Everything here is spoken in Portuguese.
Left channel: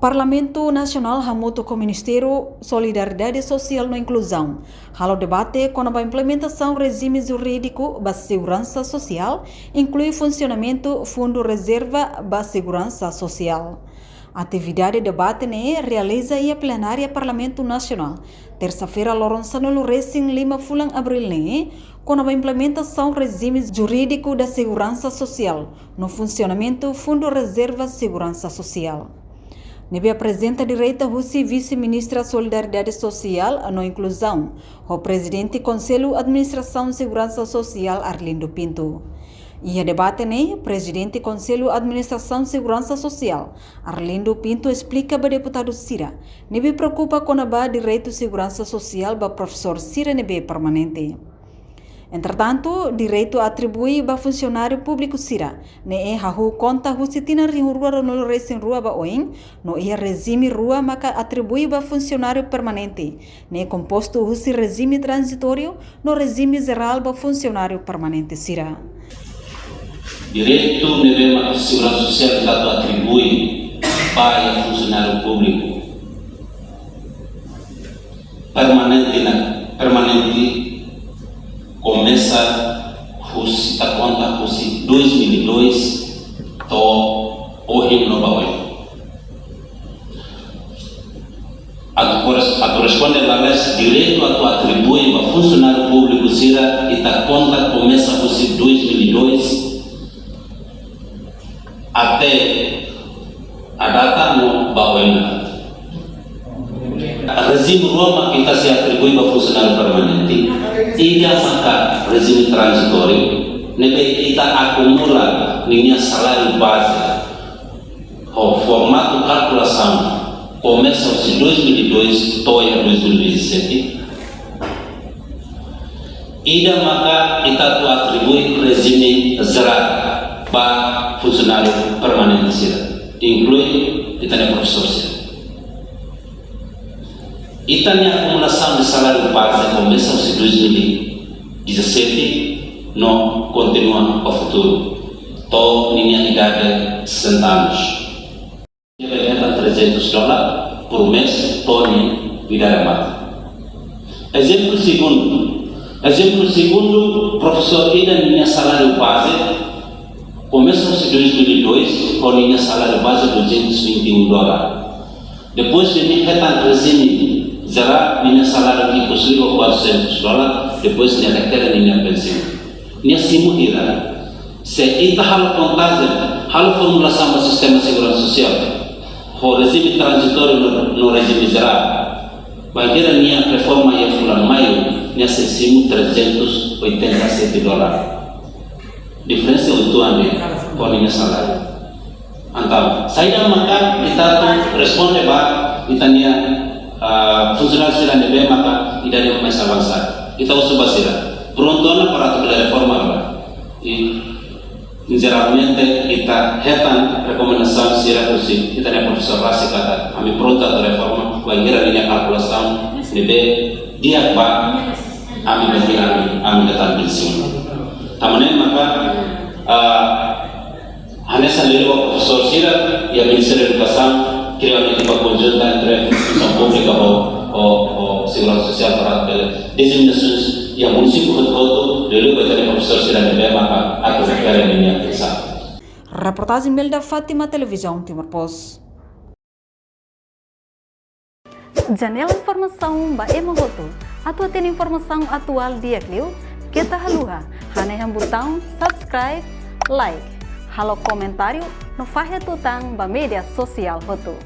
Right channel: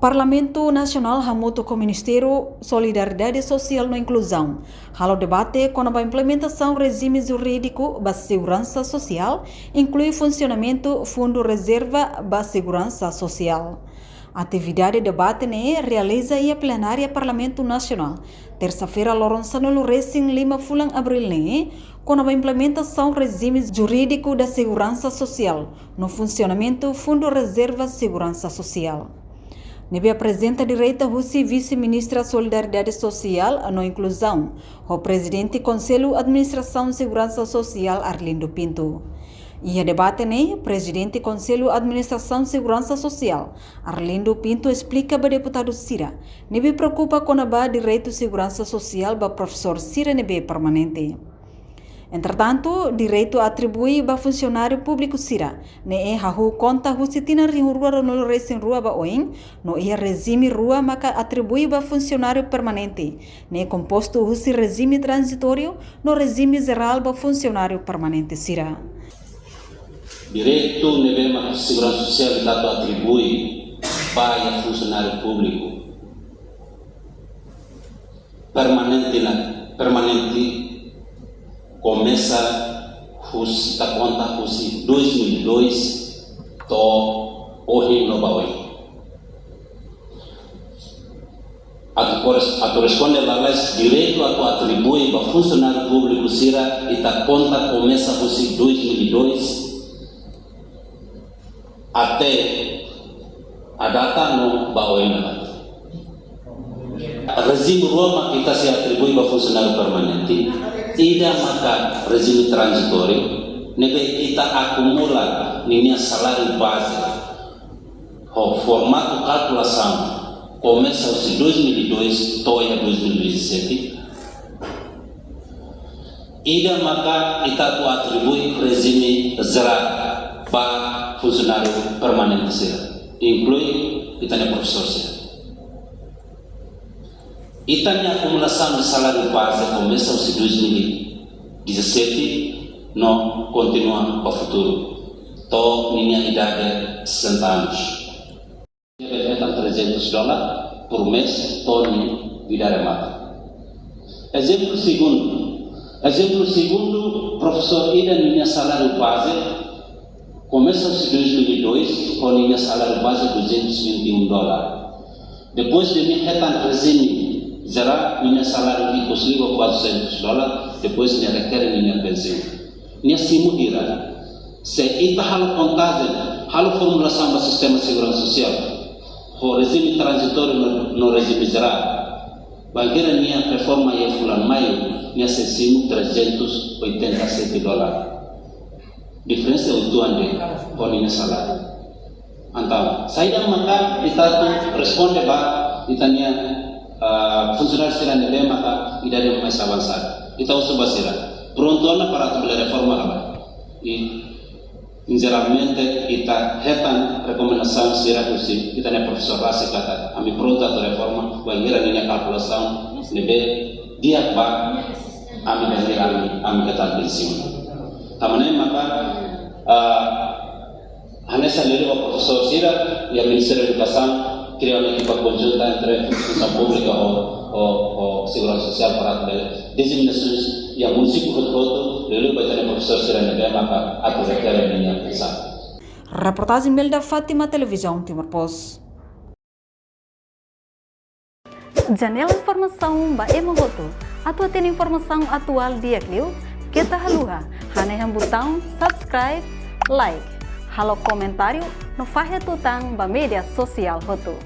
Parlamento Nacional hamuto com o Ministério Solidariedade Social e Inclusão. Halo debate com a implementação do regime jurídico da segurança social, inclui funcionamento Fundo Reserva da Segurança Social. A atividade de debate realiza a plenária Parlamento Nacional. Terça-feira, Lorenzano Racing Lima Fulan Abril com a implementação do regime jurídico da segurança social no funcionamento Fundo Reserva Segurança Social. Nebe apresenta direita Russi vice-ministra Solidariedade Social no Inclusão, o presidente Conselho Administração Segurança Social Arlindo Pinto. E a debate presidente Conselho Administração Segurança Social Arlindo Pinto explica para deputado Cira, nebe preocupa com a direito Segurança Social para professor Cira nebe permanente. Entretanto, direito atribui a funcionário público Cira, hahu conta husitina rua no racing rua ba oin, no regime rua maka atribui a funcionário permanente, composto husi regime transitório no regime geral ba funcionário permanente Cira. Direito nebe segurança social que atribui para funcionário público permanente começa a conta 2002 to ohin no baoi. A corresponde a leis direito a atribui a funcionário público Cira e a conta começa 2002 até a data no baoi. Regime Roma que se atribui a funcionário permanente tidak maka regime transitório nebe kita acumula minha salário base o formato calculação começa em 2002 toia 2017 tidak maka kita atribui regime geral para funcionário permanente inclui kita professor Itanya acumulação de salário base começa em 2017, não continua ao futuro. Tô minha idade 60 anos. Ganha $300 por mês, tô minha idade mata. Exemplo segundo, professor Ida minha salário base começa em 2002, com minha salário base $221. Depois de minha retan regime Zara minha salário que possuiu $400, depois minha requer minha pensão. Minha simulira. Se ita halo contagem, halo formulação do sistema de segurança social, o regime transitório no regime Zara, vai ter minha reforma e fulan maio, minha sessimo $387. Diferença do ano com minha salário. Então, saya maka kita responde ba itanya funcionário será nebe maka idade mais avançada. Kita usah basira. Pronto para a reforma agora. E geralmente kita hetan recomendação será usi. Kita é professor Rasi kata, kami pronto a reforma. Vai gerar linha calculação nebe dia ba kami berkira kami datang pensiun. Tamane maka Hanessa leliwa professor Sira e a Ministério da Educação criou uma equipa conjunta entre a instituição pública ou segurança social para designações e a município de Koto, leliwa vai ter professor Sira de maka a requer a linha pensão. Reportagem Melda Fátima, Televisão Timor Post. Janela Informação ba Emogoto. Atua tem informação atual dia Clio, kita haluha, haneham botão subscribe, like. Halo comentário no Fahia Tutang ba media sosial hotu.